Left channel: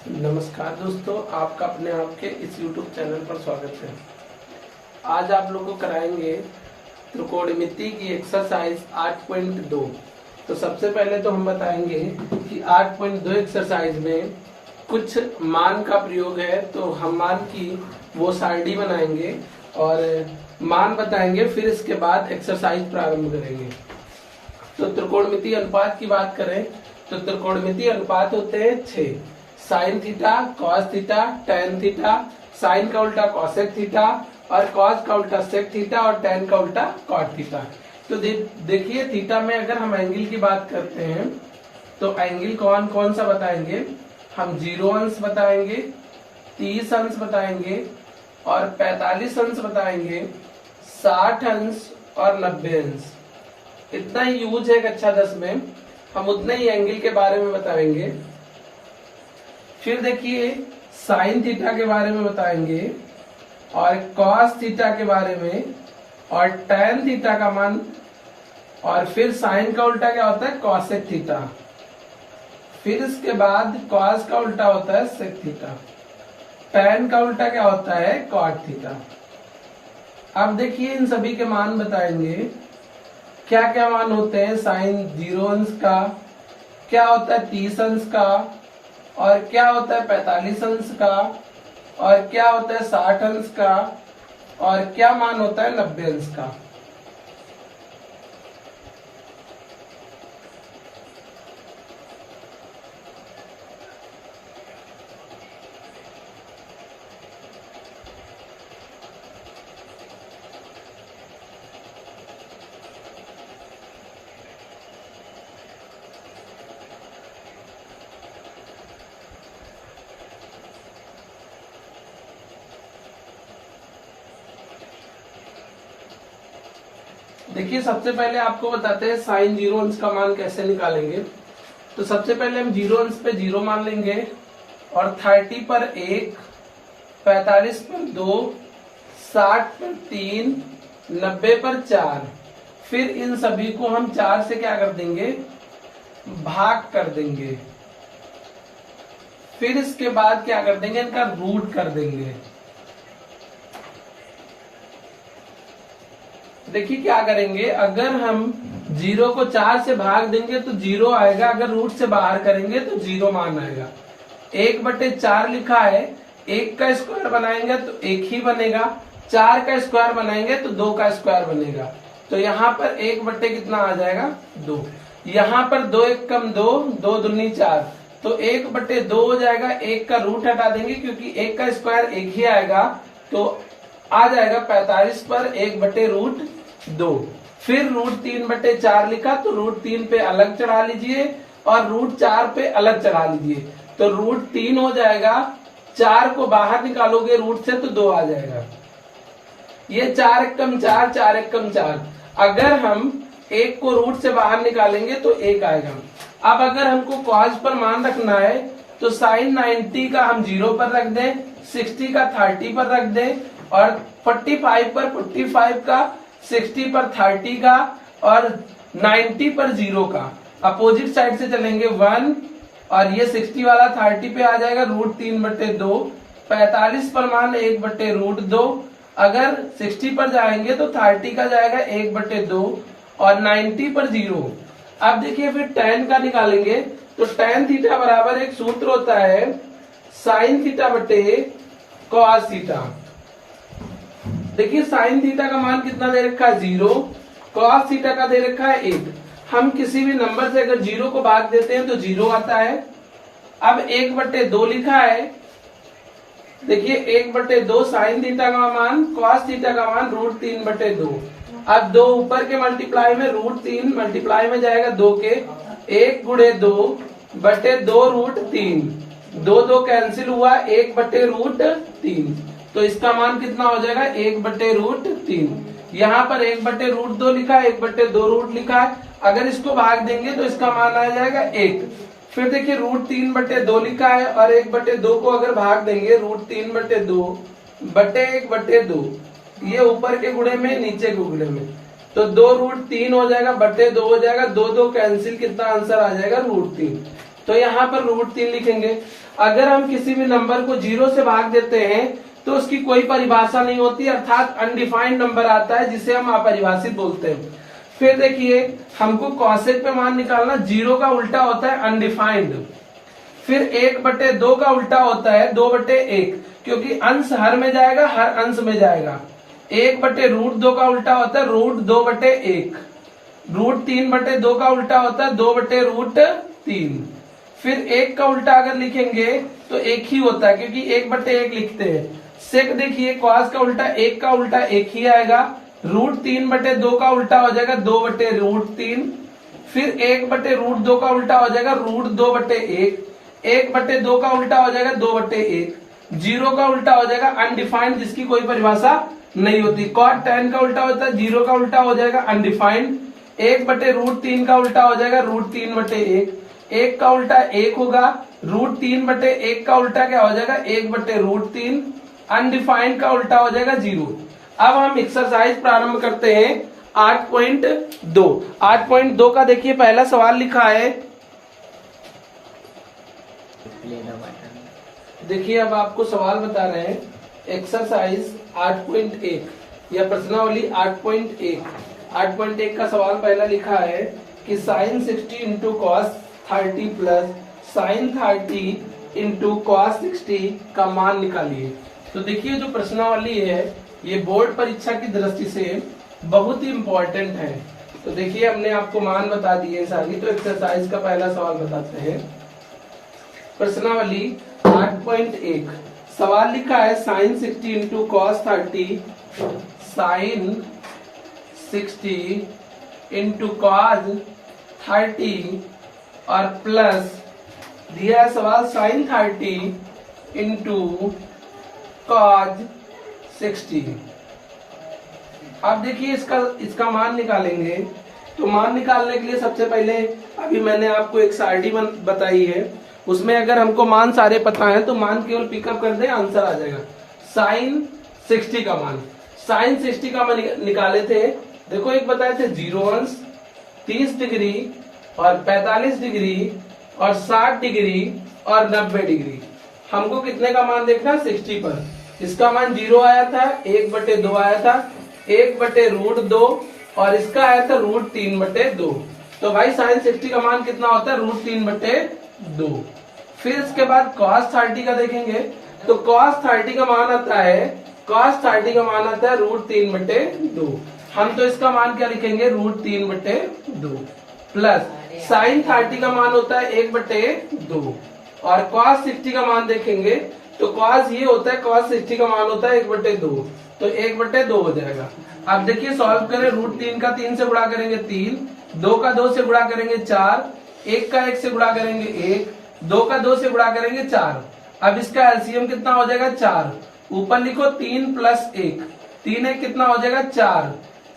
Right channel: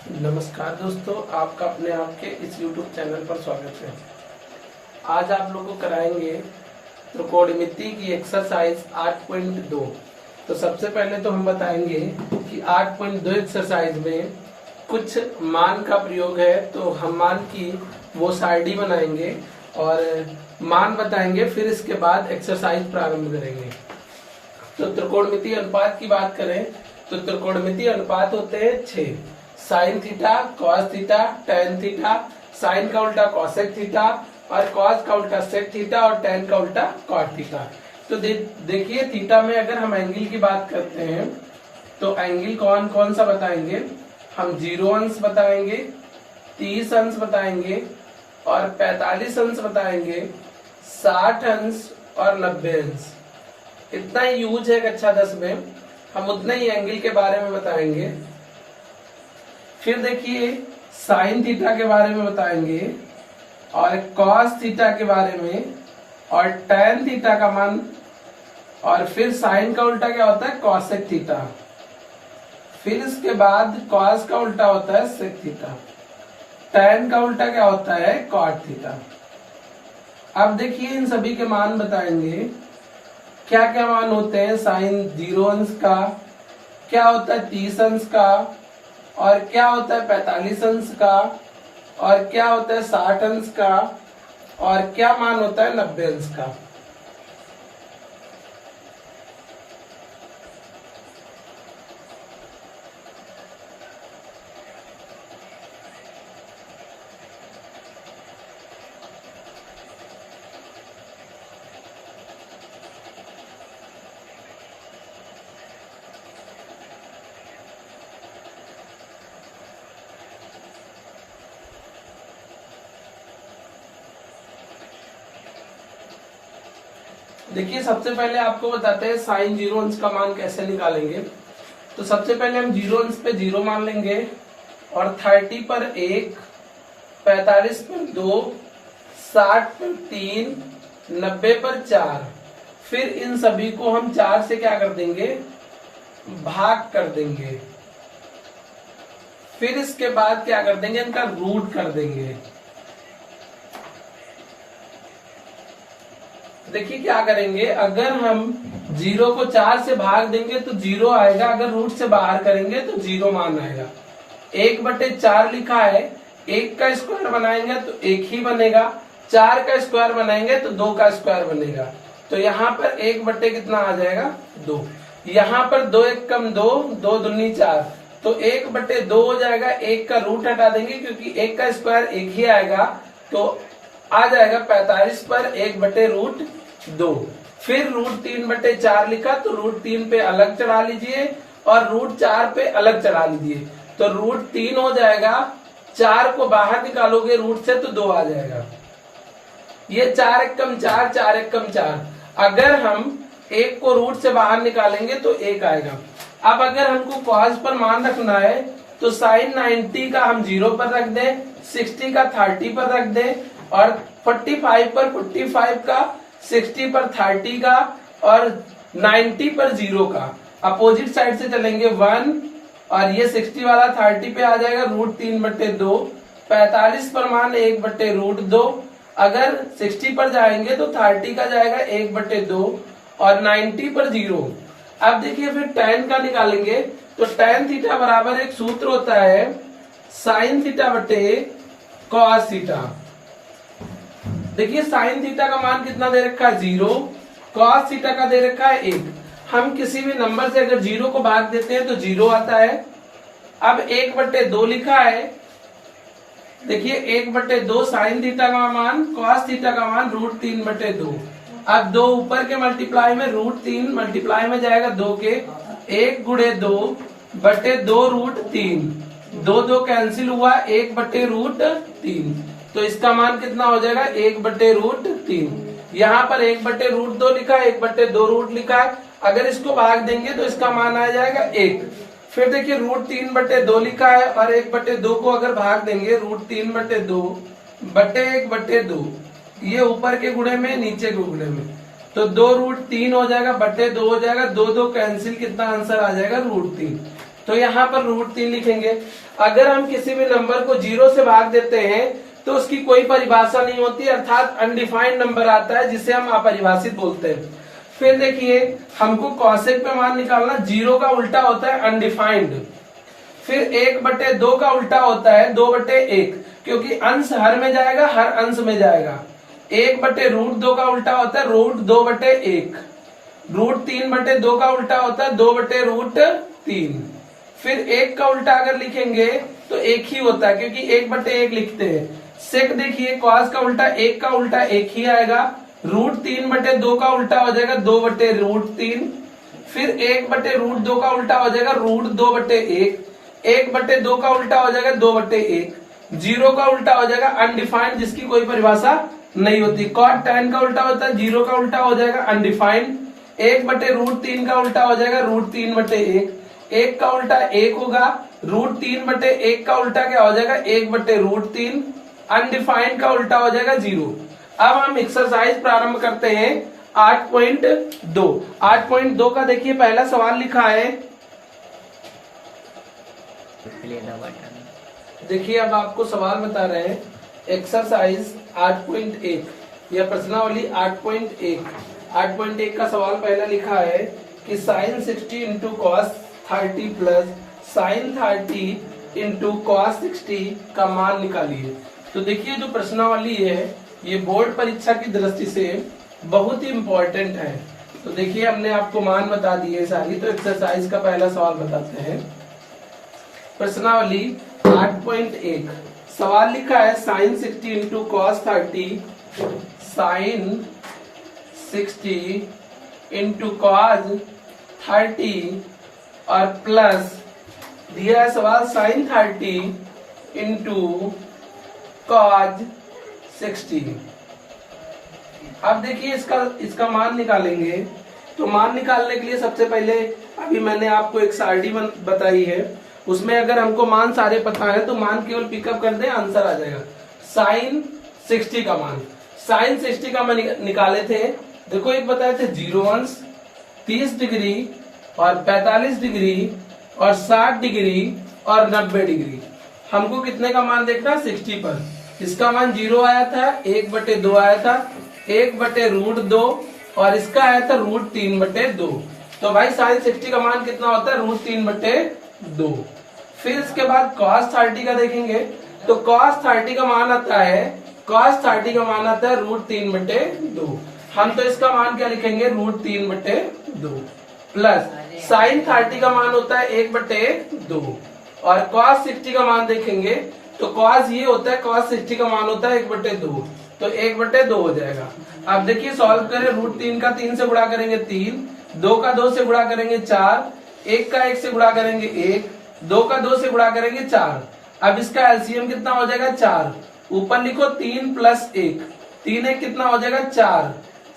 नमस्कार दोस्तों, आपका अपने आप के इस YouTube चैनल पर स्वागत है। आज आप लोगों को कराएंगे त्रिकोणमिति की एक्सरसाइज 8.2। तो सबसे पहले तो हम बताएंगे कि 8.2 एक्सरसाइज में कुछ मान का प्रयोग है, तो हम मान की वो सारणी बनाएंगे और मान बताएंगे, फिर इसके बाद एक्सरसाइज प्रारंभ करेंगे। तो त्रिकोणमिति अनुपात की बात करें तो त्रिकोणमिति अनुपात होते हैं 6। Sine theta, cos theta, tan theta, sine का उल्टा कॉसेक थीटा और कॉस का उल्टा सेक थीटा और टेन का उल्टा कॉट थीटा। तो देखिए थीटा में अगर हम एंगल की बात करते हैं तो एंगल कौन कौन सा बताएंगे हम? 0 अंश बताएंगे, 30 अंश बताएंगे और 45 अंश बताएंगे, 60 अंश और 90 अंश। इतना ही यूज है कक्षा 10 में, हम उतना ही एंगल के बारे में बताएंगे। फिर देखिए साइन थीटा के बारे में बताएंगे और कॉस थीटा के बारे में और टेन थीटा का मान, और फिर साइन का उल्टा क्या होता है? Cosec theta. फिर इसके बाद कॉस का उल्टा होता है सेक थीटा, टेन का उल्टा क्या होता है? Cot theta. अब देखिए इन सभी के मान बताएंगे, क्या क्या मान होते हैं। साइन 0 अंश का, क्या होता है 30 अंश का, और क्या होता है 45 अंश का, और क्या होता है 60 अंश का, और क्या मान होता है 90 अंश का। देखिए सबसे पहले आपको बताते हैं साइन 0 अंश का मान कैसे निकालेंगे। तो सबसे पहले हम 0 अंश पे 0 मान लेंगे और 30 पर 1, 45 पर 2, 60 पर 3, 90 पर 4। फिर इन सभी को हम 4 से क्या कर देंगे? भाग कर देंगे। फिर इसके बाद क्या कर देंगे? इनका रूट कर देंगे। देखिए क्या करेंगे, अगर हम 0 को 4 से भाग देंगे तो 0 आएगा, अगर रूट से बाहर करेंगे तो 0 मान आएगा। 1/4 लिखा है, 1 का स्क्वायर बनाएंगे तो 1 ही बनेगा, 4 का स्क्वायर बनाएंगे तो 2 का स्क्वायर बनेगा। तो यहाँ पर 1 बटे कितना आ जाएगा? 2। यहाँ पर 2 1 कम 2, 2 दूनी 4, तो 1/2 हो जाएगा। 1 का रूट हटा देंगे क्योंकि 1 का स्क्वायर 1 ही आएगा, तो आ जाएगा 45 पर 1/√2। फिर √3/4 लिखा तो √3 पे अलग चढ़ा लीजिए और √4 पे अलग चढ़ा लीजिए, तो √3 हो जाएगा। 4 को बाहर निकालोगे रूट से तो 2 आ जाएगा। ये 4 1 कम 4, 4 1 कम 4। अगर हम 1 को रूट से बाहर निकालेंगे तो 1 आएगा। अब अगर हमको कॉस पर मान रखना है तो साइन 90 का हम 0 पर रख दें, 60 का 30 पर रख दें और 45 पर 45 का, 60 पर 30 का और 90 पर 0 का। अपोजिट साइड से चलेंगे 1 और ये 60 वाला 30 पे आ जाएगा √3/2। 45 पर मान 1/√2। अगर 60 पर जाएंगे तो 30 का जाएगा 1/2 और 90 पर 0। अब देखिए फिर tan का निकालेंगे तो tan थीटा बराबर एक सूत्र होता है साइन थीटा बटे कॉस थीटा। देखिए साइन थीटा का मान कितना दे रखा है? 0। कॉस थीटा का दे रखा है 1। हम किसी भी नंबर से अगर 0 को भाग देते हैं तो 0 आता है। अब 1/2 लिखा है, देखिए 1/2 साइन थीटा का मान, कॉस थीटा का मान √3/2। अब 2 ऊपर के मल्टीप्लाई में √3 मल्टीप्लाई में जाएगा 2 के, 1 × 2/2√3, 2 2 कैंसिल हुआ, 1/√3। तो इसका मान कितना हो जाएगा? 1/√3। यहाँ पर 1/√2 लिखा है, 1/2 लिखा है। अगर इसको भाग देंगे तो इसका मान आ जाएगा 1। फिर देखिए √3/2 लिखा है और 1/2 को अगर भाग देंगे √3/2/1/2, ये ऊपर के गुणे में नीचे के गुणे में, तो 2√3 हो जाएगा, 2 हो जाएगा, 2 2 कैंसिल, कितना आंसर आ जाएगा? √3। तो यहाँ पर √3 लिखेंगे। अगर हम किसी भी नंबर को 0 से भाग देते हैं तो उसकी कोई परिभाषा नहीं होती, अर्थात अनडिफाइंड नंबर आता है जिसे हम अपरिभाषित बोलते हैं। फिर देखिए हमको कॉसेक पे मान निकालना, 0 का उल्टा होता है अनडिफाइंड। फिर 1/2 का उल्टा होता है 2/1, क्योंकि अंश हर में जाएगा, हर अंश में जाएगा। 1/√2 का उल्टा होता है √2/1। √3/2 का उल्टा होता है 2/√3। फिर 1 का उल्टा अगर लिखेंगे तो 1 ही होता है, क्योंकि 1/1 लिखते हैं। सेक देखिए कॉस का उल्टा 1 का उल्टा 1 ही आएगा। √3/2 का उल्टा हो जाएगा 2/√3। फिर 1/√2 का उल्टा हो जाएगा √2/1। 1/2 का उल्टा हो जाएगा 2/1। 0 का उल्टा हो जाएगा अनडिफाइंड, जिसकी कोई परिभाषा नहीं होती। cot tan का उल्टा होता है 0 का उल्टा हो जाएगा अनडिफाइंड। 1/√3 का उल्टा हो जाएगा √3/1। 1 का उल्टा 1 होगा। √3/1 का उल्टा क्या हो जाएगा 1/√3। अनडिफाइंड का उल्टा हो जाएगा 0। अब हम एक्सरसाइज प्रारंभ करते हैं 8.2। 8.2 का देखिए पहला सवाल लिखा है। देखिए अब आपको सवाल बता रहे हैं, एक्सरसाइज 8.1 या प्रश्नावली 8.1। 8.1 का सवाल पहला लिखा है कि sin 60 into cos 30 plus sin 30 into cos 60 का मान निकालिए। तो देखिए जो प्रश्नावली है ये बोर्ड परीक्षा की दृष्टि से बहुत ही इम्पोर्टेंट है। तो देखिए हमने आपको मान बता दिए सारी, तो एक्सरसाइज का पहला सवाल बताते हैं। प्रश्नावली 8.1 सवाल लिखा है sin 60 into cos 30, sin 60 into cos 30 और प्लस दिया है सवाल sin 30 इंटू कॉस 60। अब देखिए इसका मान निकालेंगे। तो मान निकालने के लिए सबसे पहले अभी मैंने आपको एक सारणी बताई है, उसमें अगर हमको मान सारे पता है तो मान केवल पिकअप कर दें, आंसर आ जाएगा। sin 60 का मान, sin 60 का मान निकाले थे। देखो एक बताए थे 0 अंश, 30 डिग्री और 45 डिग्री और 60 डिग्री और 90 डिग्री। हमको कितने का मान देखना, 60 पर। इसका मान 0 आया था, 1/2 आया था, 1/√2 और इसका आया था √3/2। तो भाई sin 60 का मान कितना होता है, √3/2। फिर इसके बाद cos 30 का देखेंगे तो cos 30 का मान आता है, cos 30 का मान आता है √3/2। हम तो इसका मान क्या लिखेंगे, √3/2 प्लस sin 30 का मान होता है 1/2 और cos 60 का मान देखेंगे तो cos ये होता है, cos 60 का मान होता है 1/2, तो 1/2 हो जाएगा। अब देखिए सॉल्व करें, √3 का 3 से गुणा करेंगे 3, 2 का 2 से गुणा करेंगे 4, 1 का 1 से गुणा करेंगे 1, 2 का 2 से गुणा करेंगे 4। अब इसका एलसीएम कितना हो जाएगा 4। ऊपर लिखो 3 प्लस 1, 3 1 कितना हो जाएगा 4,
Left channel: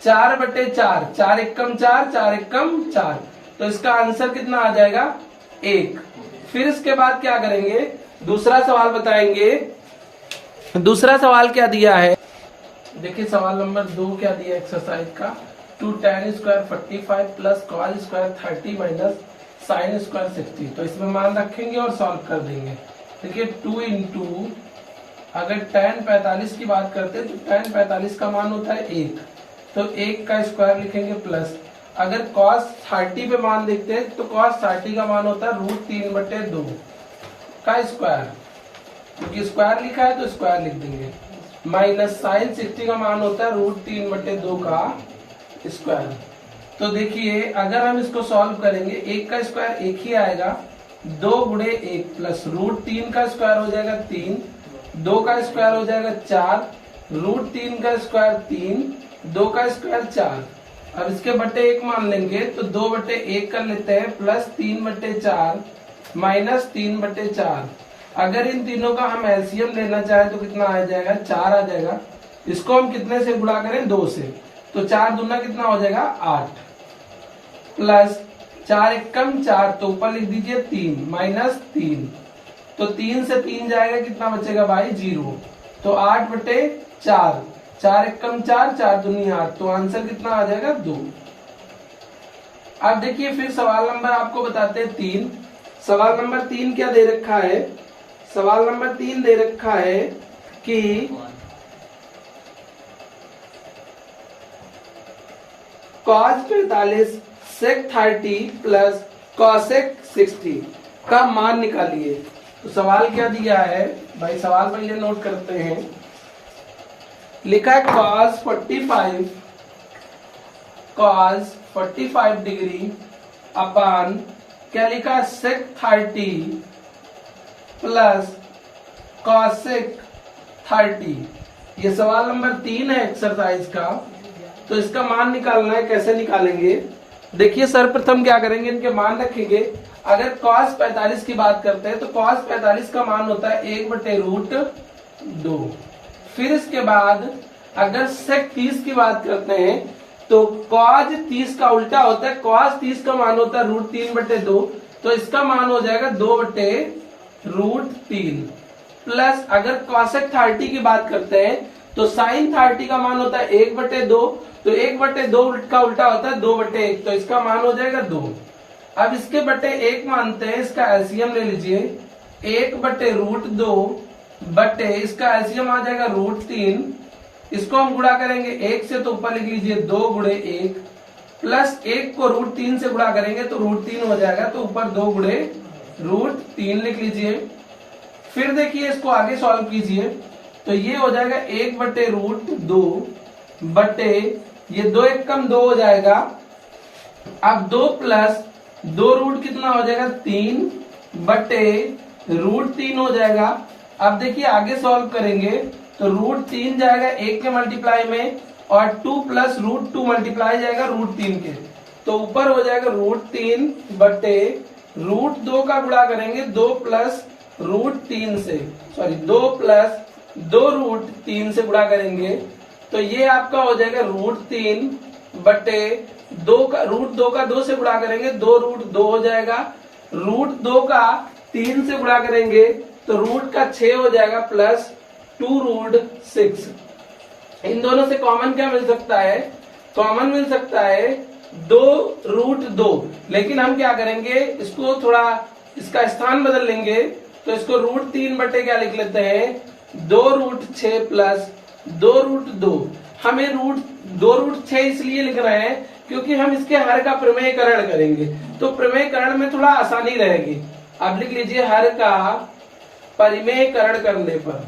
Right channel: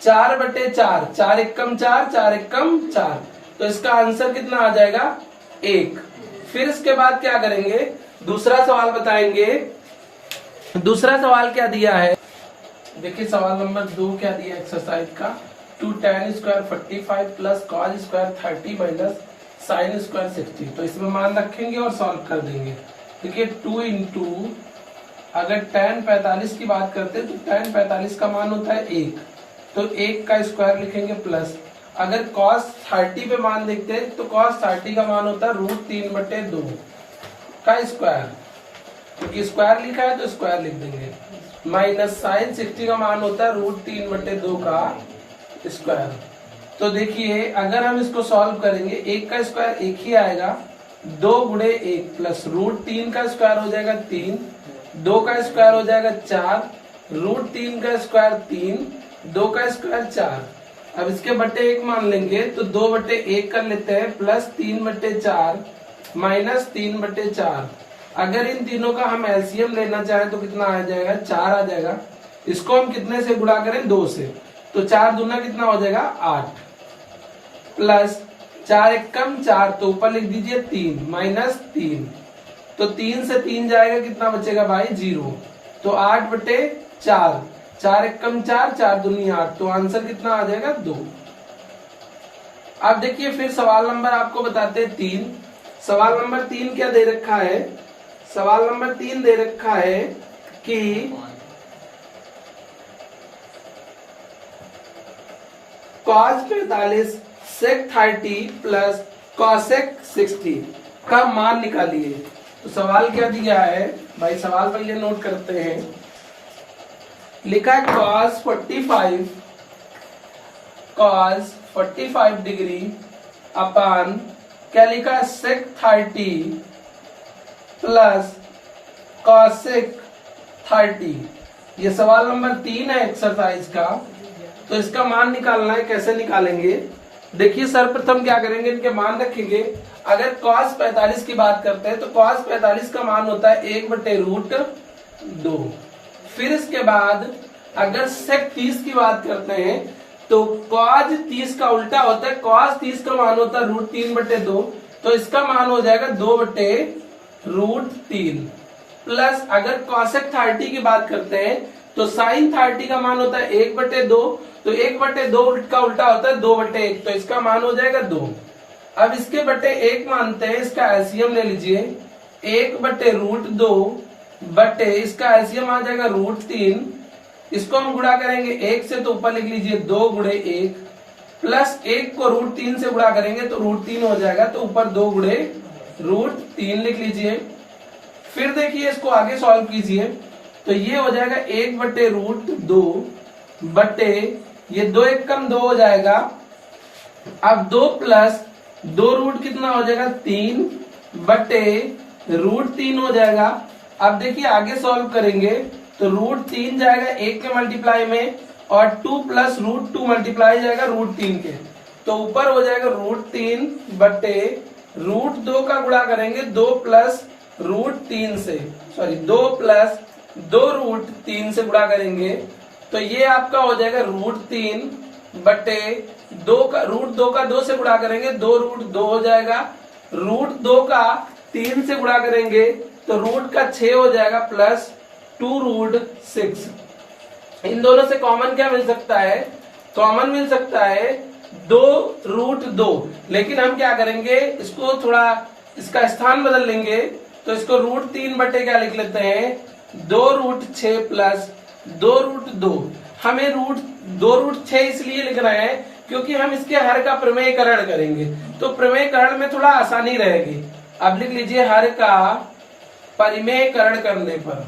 4/4, 4 एकम 4, 4 एकम 4। तो इसका आंसर कितना आ जाएगा 1। फिर इसके बाद क्या करेंगे, दूसरा सवाल बताएंगे। दूसरा सवाल क्या दिया है, देखिए सवाल नंबर 2 क्या दिया एक्सरसाइज का, 2 tan square 45 plus cos square 30 minus sine square 60। तो इसमें मान रखेंगे और सॉल्व कर देंगे। देखिए 2 इंटू, अगर tan 45 की बात करते हैं तो tan 45 का मान होता है 1, तो 1 का स्क्वायर लिखेंगे प्लस। अगर cos 30 पे मान देखते हैं तो cos 30 का मान होता है √3/2 का स्क्वायर, क्योंकि स्क्वायर लिखा है तो स्क्वायर लिख देंगे, माइनस साइन 60 का मान होता है √3/2 का स्क्वायर। तो देखिए अगर हम इसको सॉल्व करेंगे, 1 का स्क्वायर 1 ही आएगा, 2 × 1 प्लस √3 का स्क्वायर हो जाएगा 3, 2 का स्क्वायर हो जाएगा 4, √3 का स्क्वायर 3, 2 का स्क्वायर 4। अब इसके बटे 1 मान लेंगे तो 2/1 कर लेते हैं, प्लस 3/4 माइनस 3/4। अगर इन तीनों का हम एलसीएम लेना चाहें तो कितना आ जाएगा, 4 आ जाएगा। इसको हम कितने से गुणा करें, 2 से, तो 4 दूना कितना हो जाएगा 8, प्लस 4 एकम 4, तो ऊपर लिख दीजिए 3 माइनस 3, तो 3 से 3 जाएगा, कितना बचेगा भाई 0, तो 8/4, 4 एकम 4, 4 दूनी 8, तो आंसर कितना आ जाएगा 2। अब देखिए फिर सवाल नंबर आपको बताते हैं 3, सवाल नंबर 3 क्या दे रखा है? सवाल नंबर 3 दे रखा है कि cos 45 sec 30 प्लस cosec 60 का मान निकालिए। तो सवाल क्या दिया है भाई, सवाल पहले नोट करते हैं। लिखा है cos 45 डिग्री अपान क्या लिखा है sec 30 प्लस cosec 30। ये सवाल नंबर 3 है एक्सरसाइज का। तो इसका मान निकालना है, कैसे निकालेंगे? देखिए सर्वप्रथम क्या करेंगे, इनके मान रखेंगे। अगर cos 45 की बात करते हैं तो cos 45 का मान होता है 1/√2। फिर इसके बाद अगर sec 30 की बात करते हैं तो cos 30 का उल्टा होता है, cos 30 का मान होता है √3/2। तो इसका मान हो जाएगा 2/√3। प्लस अगर cosec 30 की बात करते हैं तो sin 30 का मान होता है 1/2। तो 1/2 का उल्टा होता है 2/1। तो इसका मान हो जाएगा 2। अब इसके बटे 1 मानते हैं, इसका एलसीएम ले लीजिए। 1/√2 बटे इसका एलसीएम आ जाएगा √3। इसको हम गुणा करेंगे 1 से तो ऊपर लिख लीजिए 2 गुणे 1 प्लस 1 को √3 से गुणा करेंगे तो √3 हो जाएगा, तो ऊपर 2 गुणे √3 लिख लीजिए। फिर देखिए इसको आगे सॉल्व कीजिए तो ये हो जाएगा 1/√2 बटे ये 2 1 कम 2 हो जाएगा। अब 2 प्लस 2 रूट कितना हो जाएगा 3 बटे √3 हो जाएगा। अब देखिए आगे सॉल्व करेंगे तो √3 जाएगा 1 के मल्टीप्लाई में और 2 प्लस √2 मल्टीप्लाई जाएगा √3 के। तो ऊपर हो जाएगा √3 बटे √2 का गुणा करेंगे 2 प्लस √3 से, सॉरी 2 प्लस 2 √3 से गुणा करेंगे तो ये आपका हो जाएगा √3 बटे 2 का √2 का 2 से गुणा करेंगे 2 √2 हो जाएगा। √2 का 3 से गुणा करेंगे तो रूट का 6 हो जाएगा प्लस 2√6। इन दोनों से कॉमन क्या मिल सकता है? कॉमन मिल सकता है 2√2। लेकिन हम क्या करेंगे, इसको थोड़ा इसका स्थान बदल लेंगे तो इसको √3 बटे क्या लिख लेते हैं 2√6 प्लस 2√2। हमें 2√6 इसलिए लिख रहे हैं क्योंकि हम इसके हर का प्रमेयकरण करेंगे, तो प्रमेयकरण में थोड़ा आसानी रहेगी। अब लिख लीजिए हर का परिमेयकरण करने पर,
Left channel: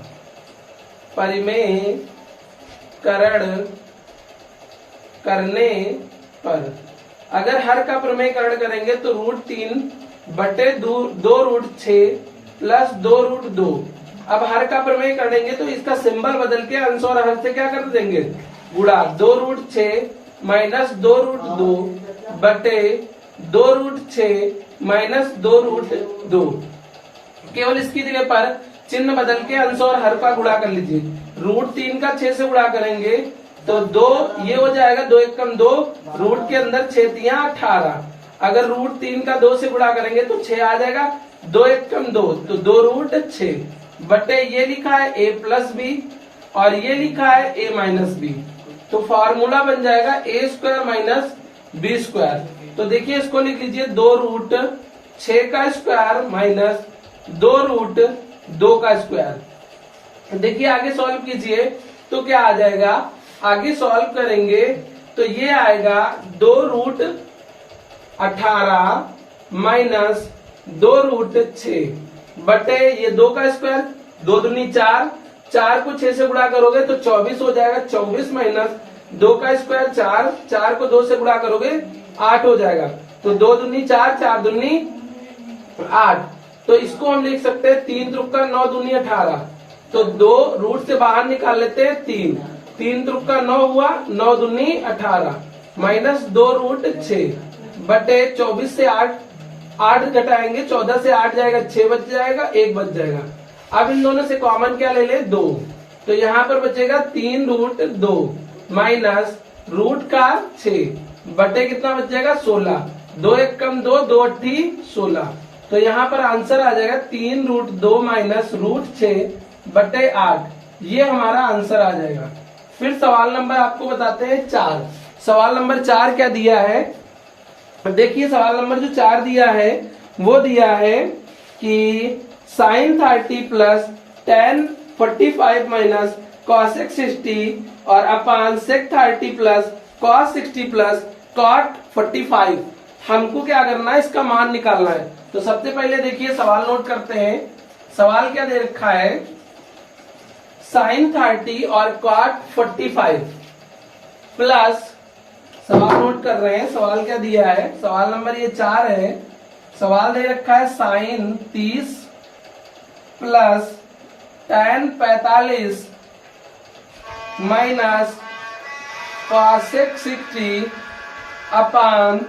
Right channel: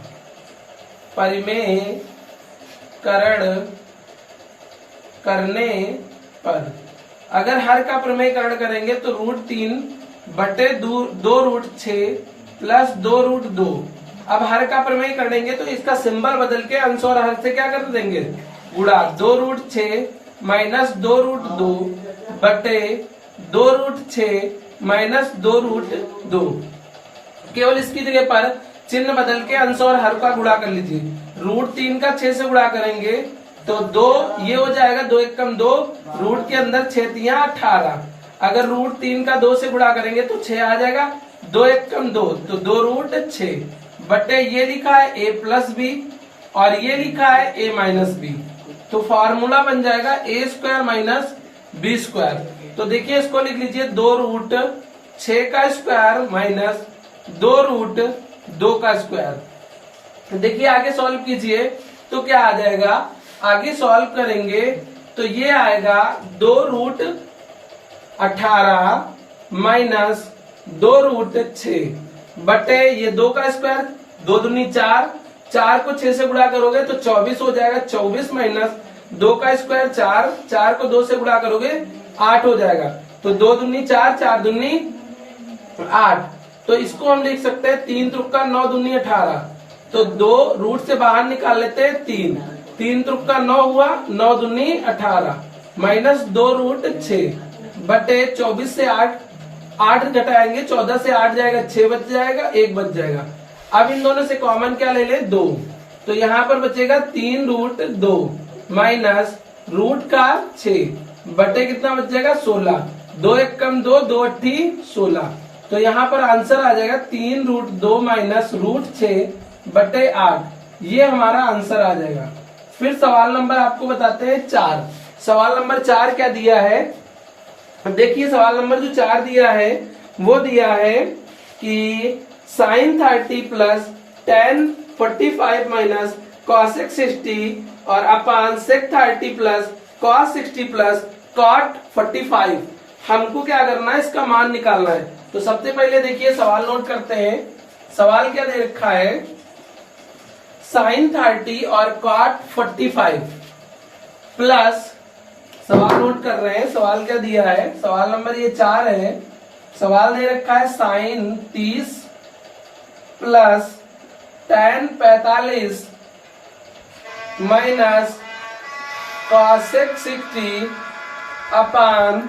परिमेयकरण करने पर अगर हर का प्रमेयकरण करेंगे तो √3 बटे 2√6 प्लस 2√2। अब हर का प्रमेय करेंगे तो इसका सिंबल बदल के अंश और हर से क्या कर देंगे गुणा। 2√6 माइनस 2√2 बटे 2√6 माइनस 2√2। केवल इसकी जगह पर चिन्ह बदल के अंश और हर का गुणा कर लीजिए। √3 का 6 से गुणा करेंगे तो 2 ये हो जाएगा 2 1 कम 2, रूट के अंदर 6 3 18। अगर √3 का 2 से गुणा करेंगे तो 6 आ जाएगा, 2 1 कम 2 तो 2√6 बटे ये लिखा है a प्लस बी और ये लिखा है a माइनस बी। तो फॉर्मूला बन जाएगा a² माइनस b²। तो देखिए इसको लिख लीजिए 2√6 का स्क्वायर माइनस 2√2 का स्क्वायर। देखिए आगे सॉल्व कीजिए तो क्या आ जाएगा, आगे सॉल्व करेंगे तो ये आएगा 2√18 माइनस 2√6 बटे ये 2 का स्क्वायर, 2 दूनी 4, 4 को 6 से गुणा करोगे तो 24 हो जाएगा। 24 माइनस 2 का स्क्वायर 4, 4 को 2 से गुणा करोगे 8 हो जाएगा। तो 2 दूनी 4, 4 दूनी 8। तो इसको हम लिख सकते हैं 3 त्रिक 9 दूनी 18। तो 2 रूट से बाहर निकाल लेते हैं 3, 3 त्रिक 9 हुआ, 9 दूनी 18 माइनस 2√6 बटे 24 से 8 घटाएंगे 14 से 8 जाएगा 6 बच जाएगा, 1 बच जाएगा। अब इन दोनों से कॉमन क्या ले ले 2, तो यहाँ पर बचेगा 3√2 माइनस रूट का 6 बटे कितना बच जाएगा 16। 2 1 कम 2, 2 8 16। तो यहाँ पर आंसर आ जाएगा 3√2 माइनस √6 बटे 8। ये हमारा आंसर आ जाएगा। फिर सवाल नंबर आपको बताते हैं 4। सवाल नंबर 4 क्या दिया है, देखिए सवाल नंबर जो 4 दिया है वो दिया है कि sine 30 plus tan 45 minus cosec 60 और अपान sec 30 plus cos 60 plus cot 45। हमको क्या करना है, इसका मान निकालना है। तो सबसे पहले देखिए सवाल नोट करते हैं। सवाल क्या दे रखा है, साइन 30 और कॉट 45 प्लस, सवाल नोट कर रहे हैं, सवाल क्या दिया है, सवाल नंबर ये 4 है। सवाल दे रखा है sine 30 plus tan 45 minus cosec 60 अपान